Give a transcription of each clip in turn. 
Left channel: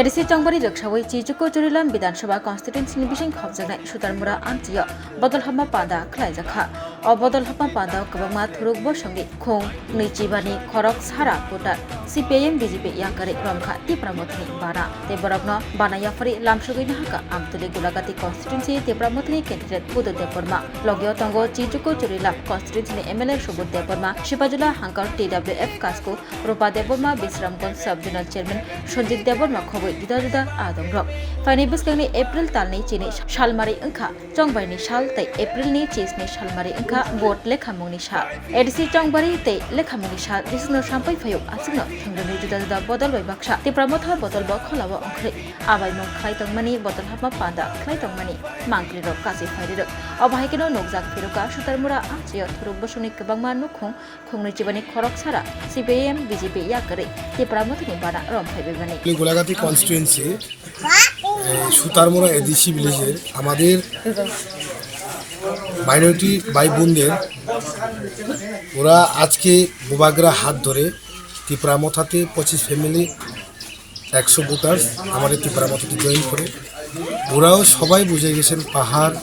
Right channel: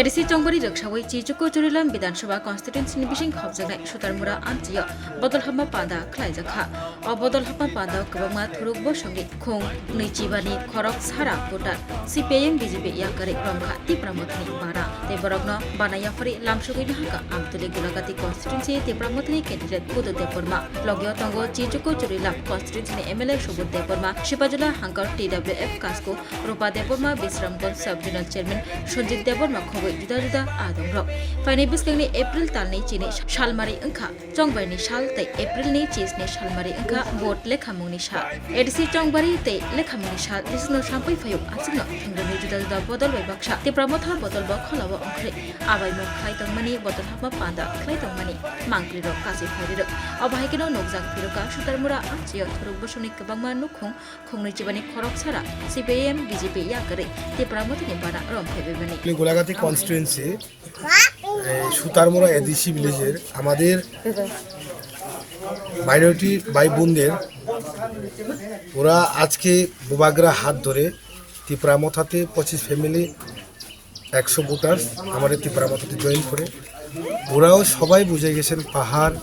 ADC चंगबारि लोकसावै चिजुको जुरिलाम विधानसभा कन्स्टिट्युएन्सिनि बिसिं खबजानाय सुतारमुरा आन्थियो बदल हामा पादा खलायजाखा अ बदल हामा पादा गोबांमा थुरुक बसंनि खुं नैजिबानि खरक सारा भोटार सिपिएम बिजेपि याकारि रमखा तिप्रा मोथानि बाना देबरगनो बानायाफारि लामसुगैनो हाका आमतुलि गुलागाति कन्स्टिट्युएन्सि तिप्रा मोथानि कैन्डिडेट बुदु देबरमा लगियो तंगो चिजुको जुरिलाम कन्स्टिट्युएन्सिनि एमएलए सुबुद देबरमा शिपाजुला हांकर टीडब्ल्यूएफ कासको रूपा देबरमा बिश्रामगंज सब जोनल चेयरमैन सञ्जित देबरमा खबै जुदा जुदा आदंग्रक फाइनै बिस्लेंनि एप्रिल तालनि चिनि सालमारि अंखा चंबाइनि साल तै एप्रिलनि चिसनि सालमारि अंखा भोट लेखामुंनि साल एडिसि चंबारि तै लेखामुंनि साल दिसनो साम्पै फयो आसिनो थंगनि जुदा जुदा बदल बै बाक्सा तिप्रा मोथा बदल ब खलाव अंख्रै आबाय नं खायतंमानि बदल हाबा पादा खायतंमानि मांक्रिरो कासि फायरिरो अबाहायकेनो नगजाक फिरोका सुतारमुरा आचियो थुरुक बसंनि गोबांमा नुखुं खुंनै जिबानि खरक सारा सिपिएम बिजेपि याकारि तिप्रा मोथानि बाना रमफायबायबानि গোলাঘাটি কনস্টিটুয়েন্সি সুতারমুড়া এডিসি ভিলেজের আমাদের মাইনরিটি ভাই বোনদের ওরা আজকে গোবাগরা হাত ধরে ত্রিপুরা মথাতে 25 ফ্যামিলি 100 ভোটার্স আমাদের ত্রিপুরা মথাতে জয়েন করে ওরাও সবাই বুঝে গেছেন পাহাড়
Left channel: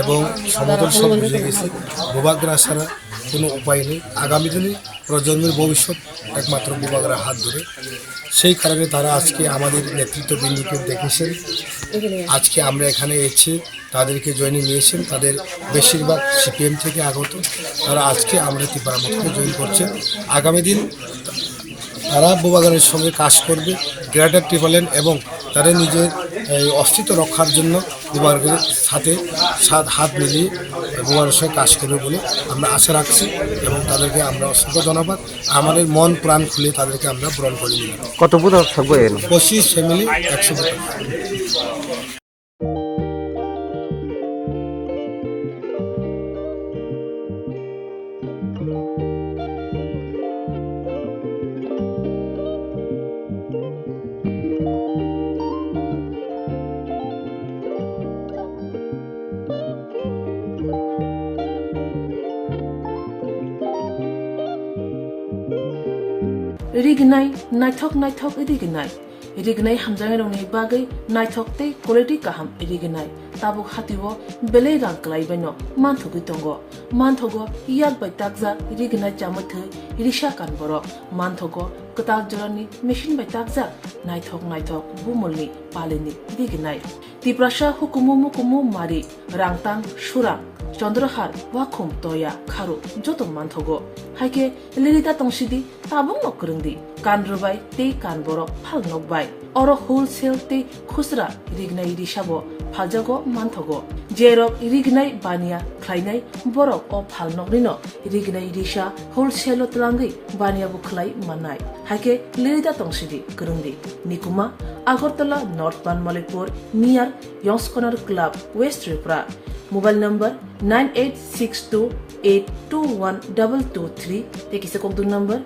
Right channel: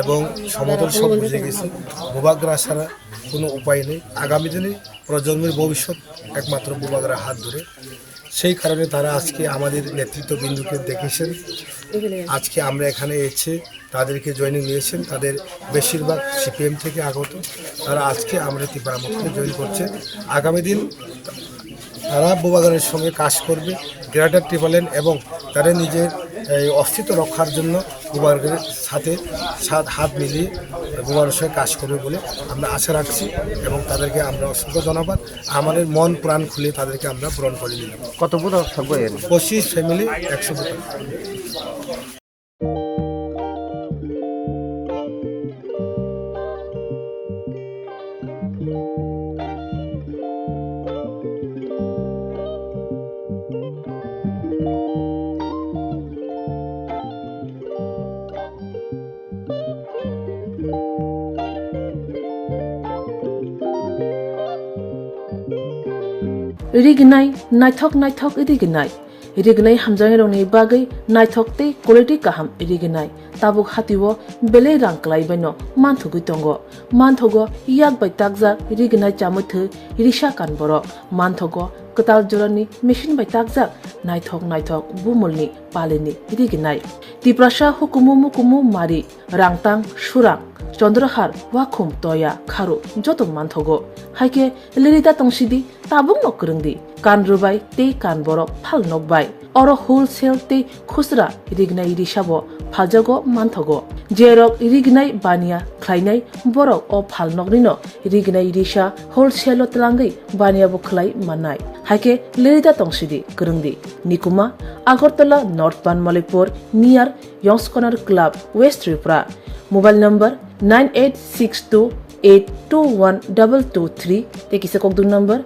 এবং সমতল সব বুঝে গেছে গোবাগরা ছাড়া কোনো উপায় নেই আগামী দিনে প্রজন্মের ভবিষ্যৎ একমাত্র গোবাগরা হাত ধরে সেই কারণে তারা আজকে আমাদের নেতৃত্ববৃন্দকে দেখেছেন আজকে আমরা এখানে এসে তাদেরকে জয়েনিং নিয়েছেন তাদের বেশিরভাগ সিপিএম থেকে আগত তারা আজকে আমরা ত্রিপুরা মথাতে জয়েন করছে আগামী দিন তারা গোবাগরের সঙ্গে কাজ করবে গ্রেটার টিফলেন এবং তাদের নিজের অস্তিত্ব রক্ষার জন্য গোবাগরের সাথে হাত মিলিয়ে গোবাগরের সঙ্গে কাজ করবে বলে আমরা আশা রাখছি এবং তাদেরকে আমরা অসংখ্য ধন্যবাদ আমাদের মন প্রাণ খুলে তাদেরকে আমরা গ্রহণ করে নিই কত ভোটার থাকবে 25 ফ্যামিলি 100 ভোটার रिगनाय नायथक रिगनाय हामजानाय रंनि बागै नायथकते क्वालिटी काहाम रिगनाय ताबुक हातिwo बेले रां क्लाइबायनो मानथुगै दंगो मानथगो याक बाय ताकजा रिगनाय चामथो रिसा कानबरो मानथगो कताल जरनि मेशिन बाय ताकजा नायथक बुमलनि पालिनि रिगनाय तिप्रासा हुकुमु मारि रांतां सुरां चंद्रहार वाखुम तया खारु जतो मानथगो हाइके लिरिदा तंसिदि ताबुक नकरंदि कान रुबाय ते कान बरो फाल नकबाय अरो होलसेल ते खुसरा रिगनाय रिसाबो फालजागो मानथगो जेरक रिगनाय बानिया ख्लायनाय बरक अ फाल नकनिनो रिगनाय रिसा होलसेल तलांगै बानियाबो ख्लाय माननाय हाइके लिरिदा तंसिदि करंदि निकुमा Agartala north Banamalipur near young's corner club west Tripura mobile number 9862821223 তেকিসে ককদুন নম্বর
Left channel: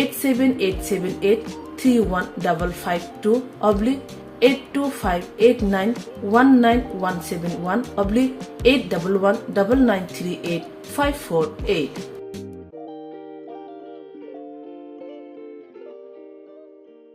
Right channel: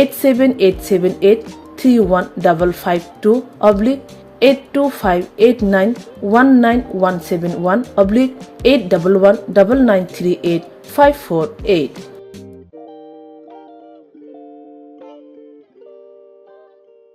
8787831552 /82589191171 /8119938 548